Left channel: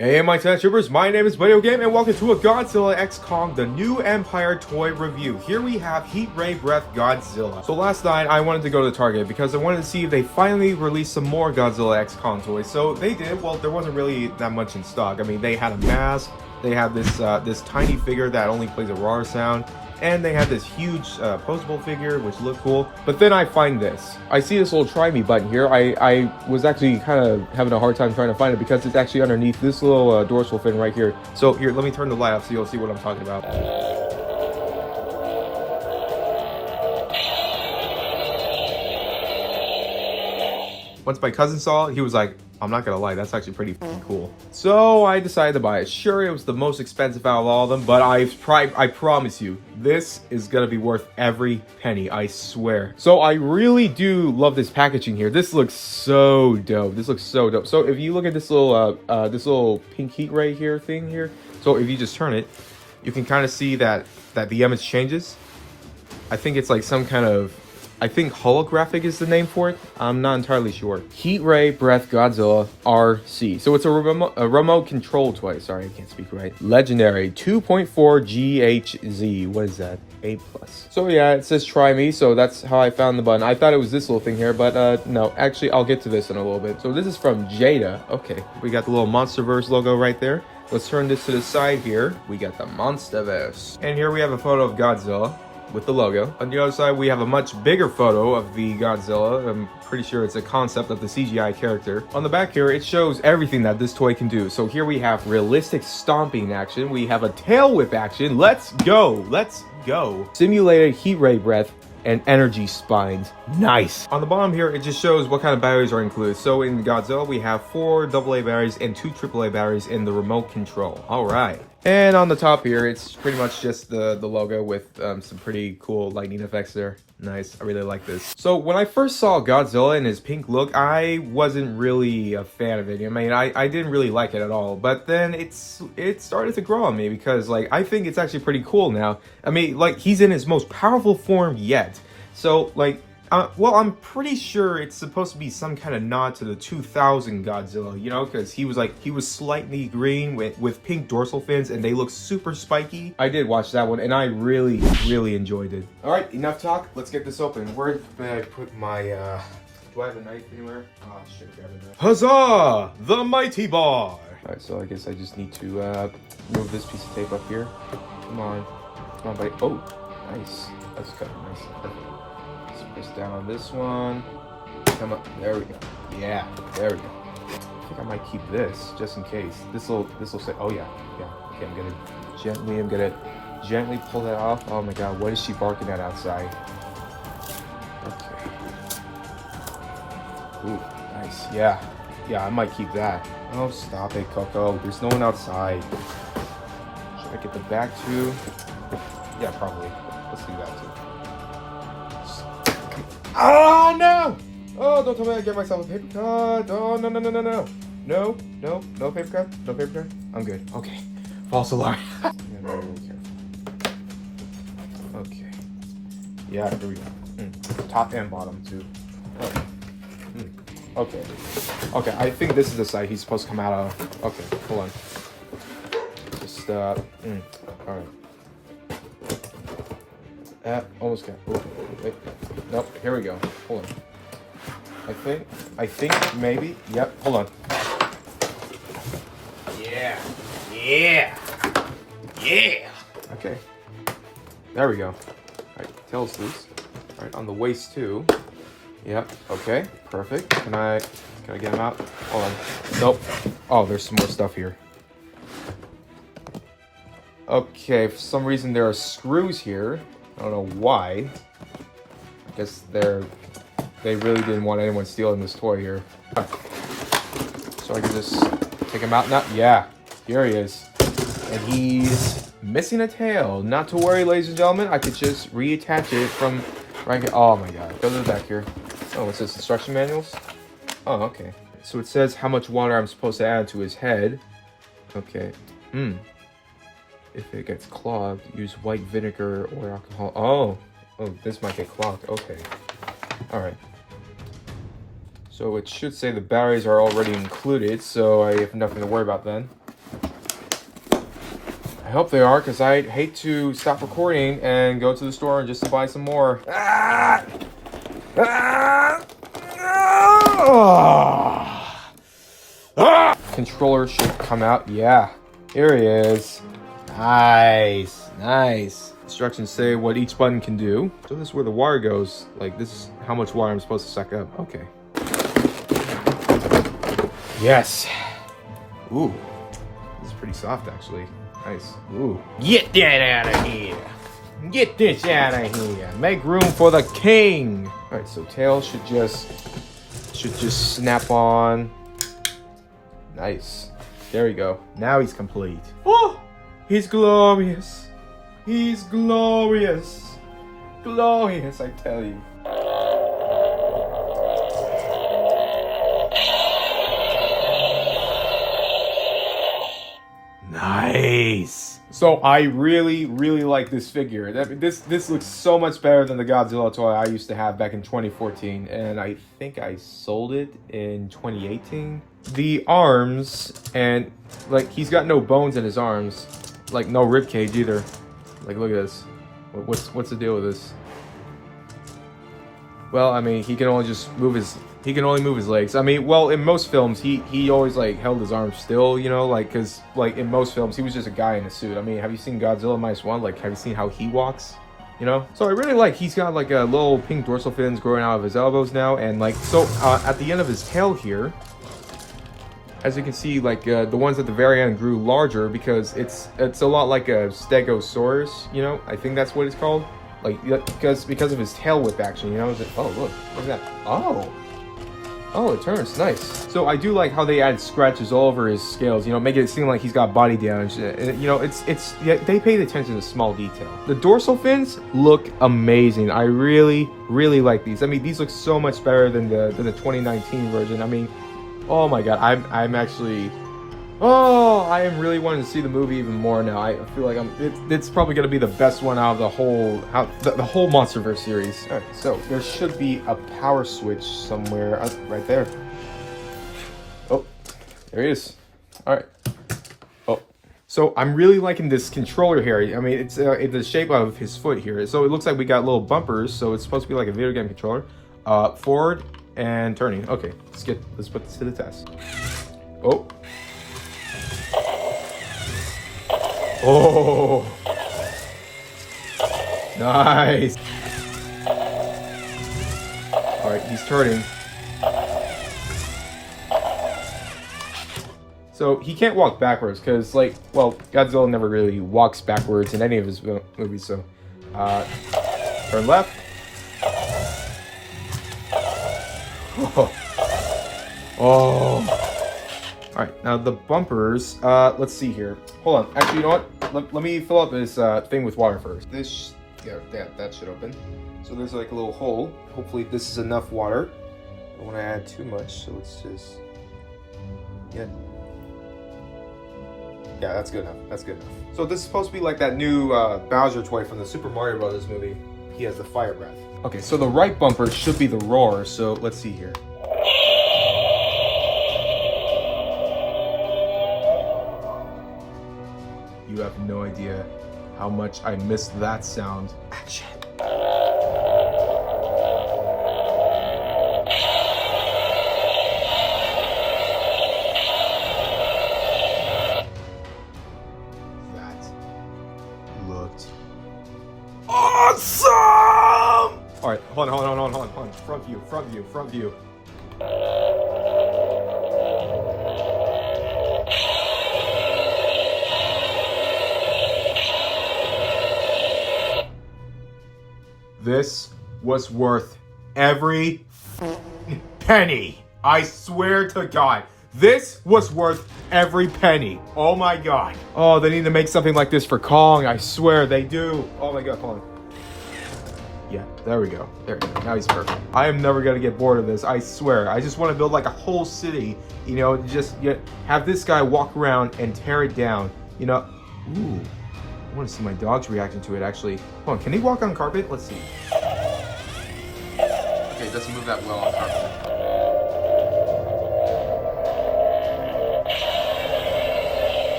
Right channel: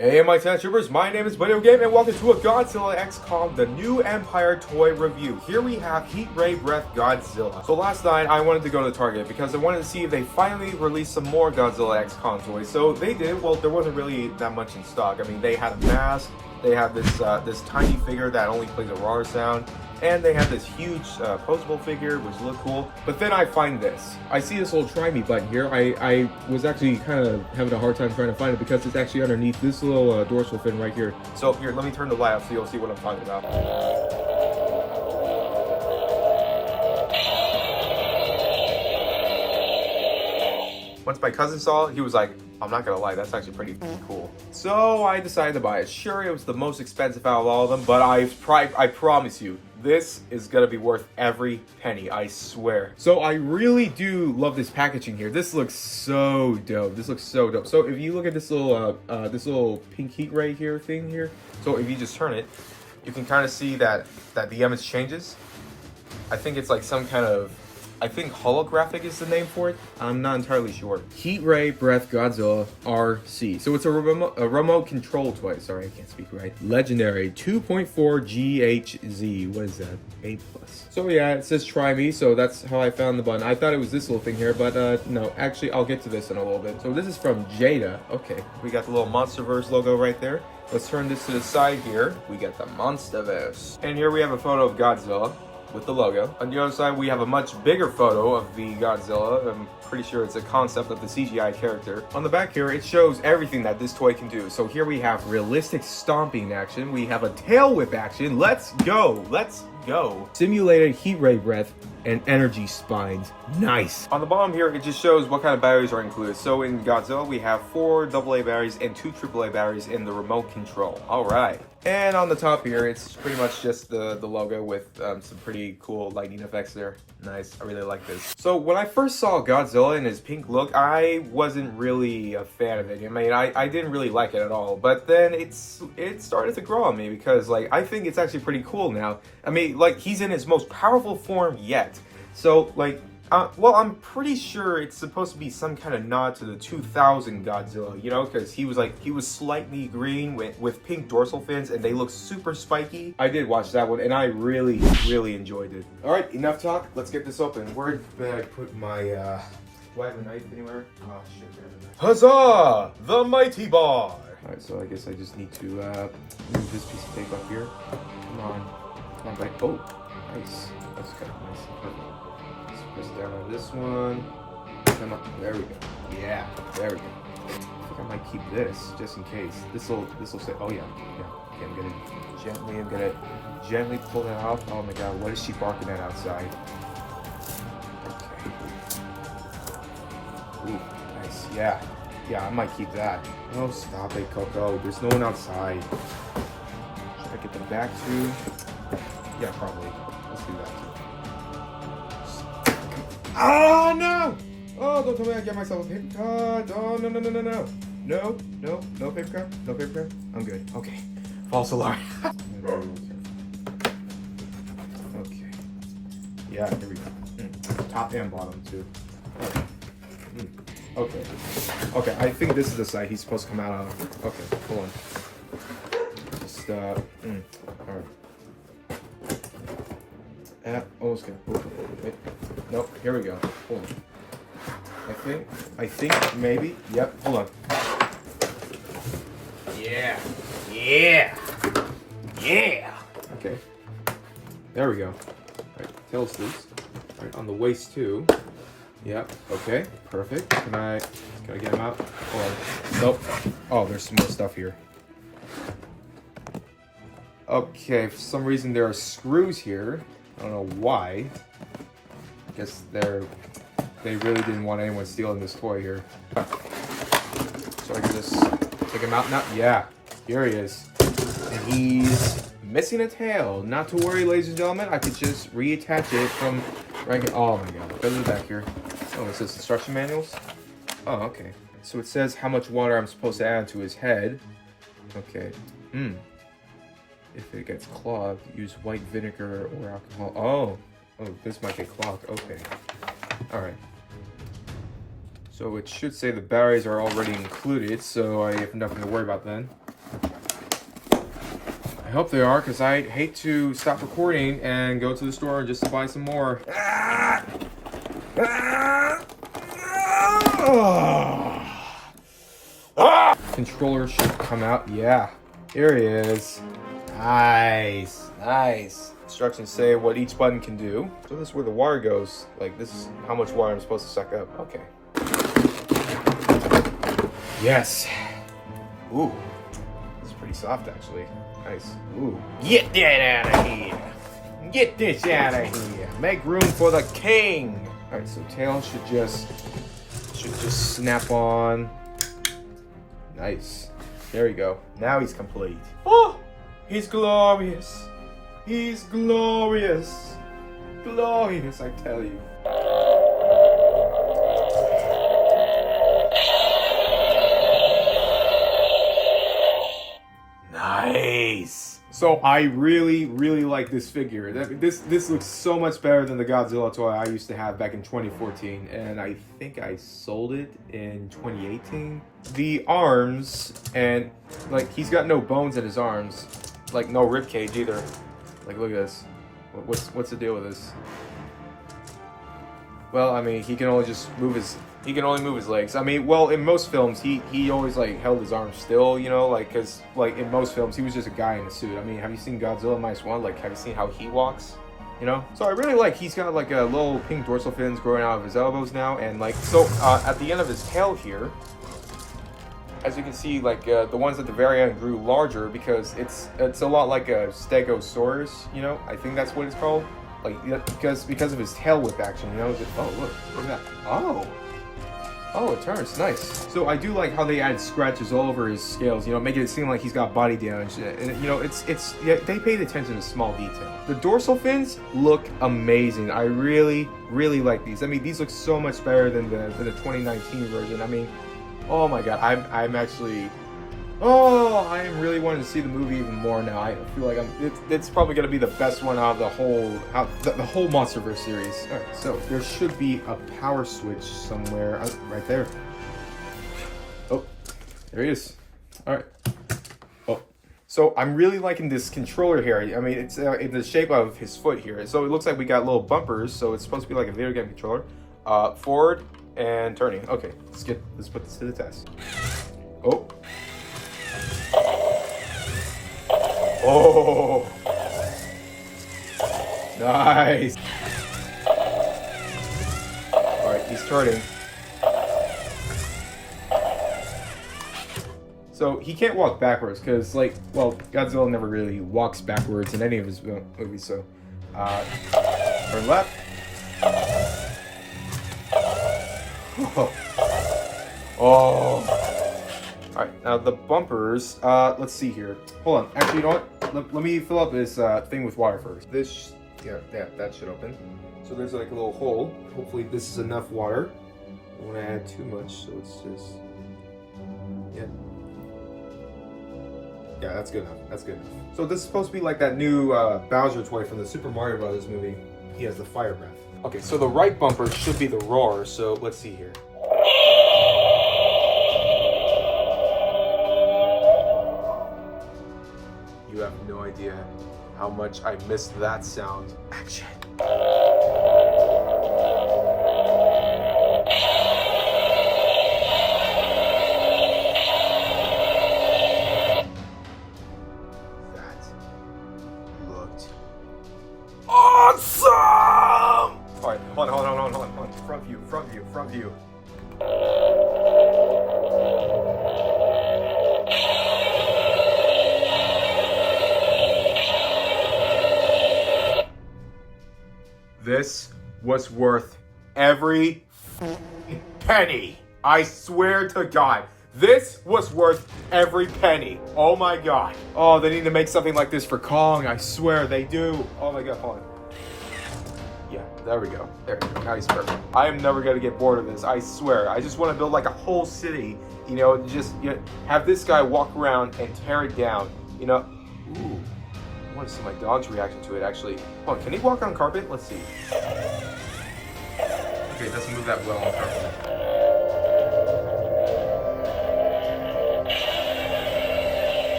Hey, my Ten Troopers, my name is Video Game, and welcome to a Godzilla X Kong, the new Empire toy review. Here we have Heat Ray Breath Godzilla. So last night, I wanted to go to Target because I wanted to see if they finally released some more Godzilla X Kong toys. So they did. Well, there wasn't really that much in stock. I mean, they had a mask, they have this tiny figure that only plays a roar sound, and they have this huge posable figure which looked cool. But then I find this. I see this little try me button here. I was actually kind of having a hard time trying to find it because it's actually underneath this little dorsal fin right here. So here, let me turn the light off so you'll see what I'm talking about. Once my cousin saw it, he was like, I'm not gonna lie, that's actually pretty cool. So I decided to buy it. Sure, it was the most expensive out of all of them, but I promise you, this is gonna be worth every penny, I swear. So I really do love this packaging here. This looks so dope. This looks so dope. So if you look at this little pink heat ray here thing here, so if you just turn it, you can kind of see that the image changes. I think it's like some kind of, I think holographic is the name for it. I'm not entirely sure. Heat Ray Breath Godzilla RC. So it's a remote control toy. Sorry, I can't speak right. Legendary 2.4 GHZ. What is that? A+. So yeah, it says try me. So that's how I found the button. I thought it was this little thing here, but no. Actually, I'll get to this in a little bit. So this is from Jada. Okay, we got the little Monsterverse logo right there. Let's turn this to the side here. We got the Monsterverse. And here we have a photo of Godzilla with the logo. On the other side, we have a much bigger photo of the Godzilla. I'm pretty sure it's a concept of the CGI character. On the back here, it shows everything that this toy can do. So here we have realistic stomping action. We have a tail whip action. Let's go. Let's go. Simulated heat ray breath and energy spines. Nice. On the bottom here, it just shows what kind of batteries are included. So in Godzilla, we have 4 AA batteries and 2 AAA batteries in the remote control. All right. And on the top here, it's pretty much just the logo with some pretty cool lightning effects there. Nice. I really like this. So when I first saw Godzilla in his pink look, I wasn't really a fan of it. I mean, I didn't really like it at all. But then it started to grow on me because, like, I think it's actually pretty cool now. I mean, like, he's in his most powerful form yet. So, like, well, I'm pretty sure it's supposed to be some kind of nod to the 2000 Godzilla, you know, because he was slightly green with pink dorsal fins, and they look super spiky. I did watch that one, and I really, really enjoyed it. All right, enough talk. Let's get this open. Where did I put my, do I have a knife anywhere? Oh, shit, I have a knife. Huzzah! The Mighty Bar! All right, so I guess I just need to, move this piece of tape up here. Come on, bite. Oh, nice. That's kind of nice. Perfect. Press down on this one. Come on, there we go. Yeah, there we go. I think I might keep this just in case. This will say, oh yeah. Okay, I'm gonna gently pull that off. Oh my god, what is she barking at outside? Okay. Ooh, nice. Yeah, I might keep that. Oh, stop it, Coco. There's no one outside. Should I get the back too? Yeah, probably. Let's do that too. Oh no! Oh, don't tell me I get myself a paper cut. Oh no. No paper cut. No paper cut. I'm good. Okay. False alarm. Okay. Yeah, here we go. Top and bottom too. Oh. Okay. I think this is the side he's supposed to come out of. Okay, hold on. Just alright. Almost got. Wait. Nope. Here we go. Hold on. I think maybe. Yep. Hold on. Yeah. Okay. There we go. All right. Tail's loose. All right. On the waist too. Yep. Okay. Perfect. Can I get him out? Hold on. Nope. Oh, there's some more stuff here. Okay. For some reason there are screws here. I don't know why. I guess they really didn't want anyone stealing this toy here. So I can just take him out now. Yeah, here he is. And he's missing a tail. Not to worry, ladies and gentlemen. I could just reattach it from right here. Oh my god. Go to the back here. Oh, what's this? Instruction manuals? Oh, okay. So it says how much water I'm supposed to add to his head. Okay. If it gets clogged, use white vinegar or alcohol. Oh, this might get clogged. Okay. All right. So it should say the batteries are already included, so I have nothing to worry about then. I hope they are, because I'd hate to stop recording and go to the store just to buy some more. Ah! Ah! Ah! Ah! Controller should come out. Yeah, here he is. Nice, nice. Instructions say what each button can do. So this is where the water goes. Like, this is how much water I'm supposed to suck up. Okay. Yes. Ooh. This is pretty soft, actually. Nice. Ooh. Get that out of here. Get this out of here. Make room for the king. All right, so tail should just snap on. Nice. There we go. Now he's complete. Oh, he's glorious. He's glorious. Glorious, I tell you. Nice. So I really like this figure. This looks so much better than the Godzilla toy I used to have back in 2014, and I think I sold it in 2018. The arms, and like, he's got no bones in his arms, like no rib cage either. Like, look at this. What's the deal with this? Well, I mean, he can only move his legs. I mean, well, in most films, he always like held his arms still, you know, like, cause like in most films he was just a guy in a suit. I mean, have you seen Godzilla -1? Like, have you seen how he walks? You know? So I really like, he's got like a little pink dorsal fins growing out of his elbows now, and like, so at the end of his tail here, as you can see, like the ones at the very end grew larger because it's a lot like a Stegosaurus, you know? I think that's what it's called. Like, because of his tail whip action, you know? Oh, look at that. Oh, it turns nice. So I do like how they add scratches all over his scales, you know, making it seem like he's got body damage. And you know, yeah, they paid attention to small detail. The dorsal fins look amazing. I really like these. I mean, these look so much better than the 2019 version. I mean, oh my god, I'm actually, I am really wanting to see the movie even more now. I feel like it's probably gonna be the best one out of the whole MonsterVerse series. All right, so there should be a power switch somewhere right there. Oh, there he is. All right. Oh, so I'm really liking this controller here. I mean, it's in the shape of his foot here. So it looks like we got little bumpers. So it's supposed to be like a video game controller. Forward and turning. Okay, let's put this to the test. Oh. Oh, nice. All right, he's turning. So he can't walk backwards because, like, well, Godzilla never really walks backwards in any of his movies. So, turn left. Whoa. Whoa. Alright, now the bumpers, let's see here. Hold on, actually, you know what? Let me fill up this thing with water first. That should open. So there's like a little hole. Hopefully this is enough water. I don't want to add too much, so let's just, yeah, that's good enough. That's good enough. So this is supposed to be like that new Bowser toy from the Super Mario Brothers movie. He has the fire breath. Okay, so the right bumper should be the roar, so let's see here. You have no idea how much I missed that sound. Action. That looked awesome! Alright, hold on. Front view. This was worth every penny. I swear to God. This was worth every penny. Oh my God. Oh, they need to make something like this for Kong. I swear they do. Oh my God, hold on. Yeah, there we go. There, now he's perfect. I am never gonna get bored of this. I swear. I just want to build like a whole city. You know, just have this guy walk around and tear it down. You know. Ooh. I want to see my dog's reaction to it, actually. Hold on, can he walk on carpet? Let's see. Okay, it doesn't move that well on carpet.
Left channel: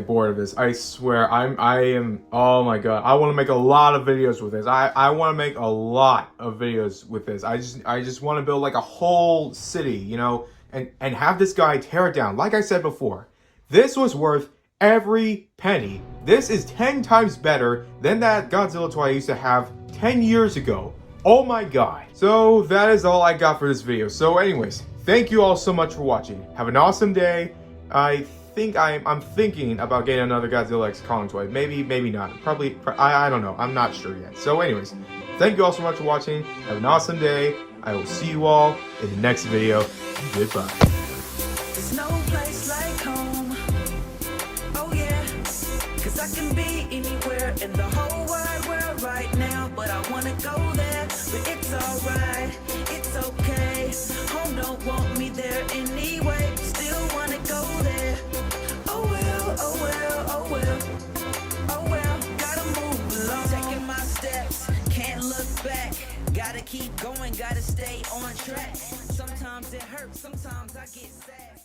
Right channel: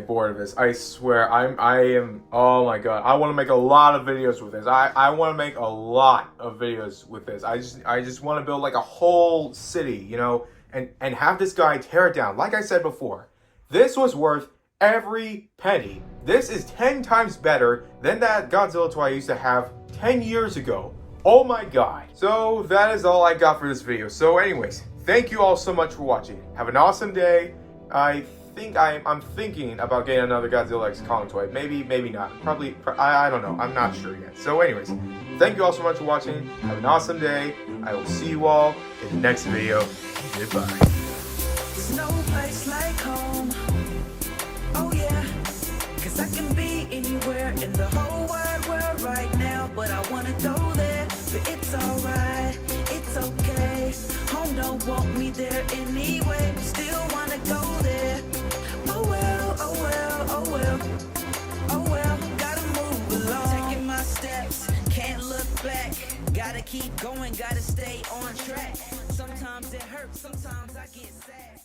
get bored of this. I swear, I am, oh my god. I want to make a lot of videos with this. I want to make a lot of videos with this. I just want to build like a whole city, you know, and have this guy tear it down. Like I said before, this was worth every penny. This is 10 times better than that Godzilla toy I used to have 10 years ago. Oh my god. So that is all I got for this video. So anyways, thank you all so much for watching. Have an awesome day. I think I'm thinking about getting another Godzilla X Kong toy. Maybe not. Probably, I don't know. I'm not sure yet. So anyways, thank you all so much for watching. Have an awesome day. I will see you all in the next video. Goodbye. There's no place like home. Oh yeah, 'cause I can be anywhere in the whole wide world right now, but I wanna go there. But it's alright, it's okay. Home don't want me there anyway. Still wanna go there. Oh well, oh well, oh well, oh well. Gotta move along, taking my steps, can't look back. Gotta keep going, gotta stay on track. Sometimes it hurts, sometimes I get sad.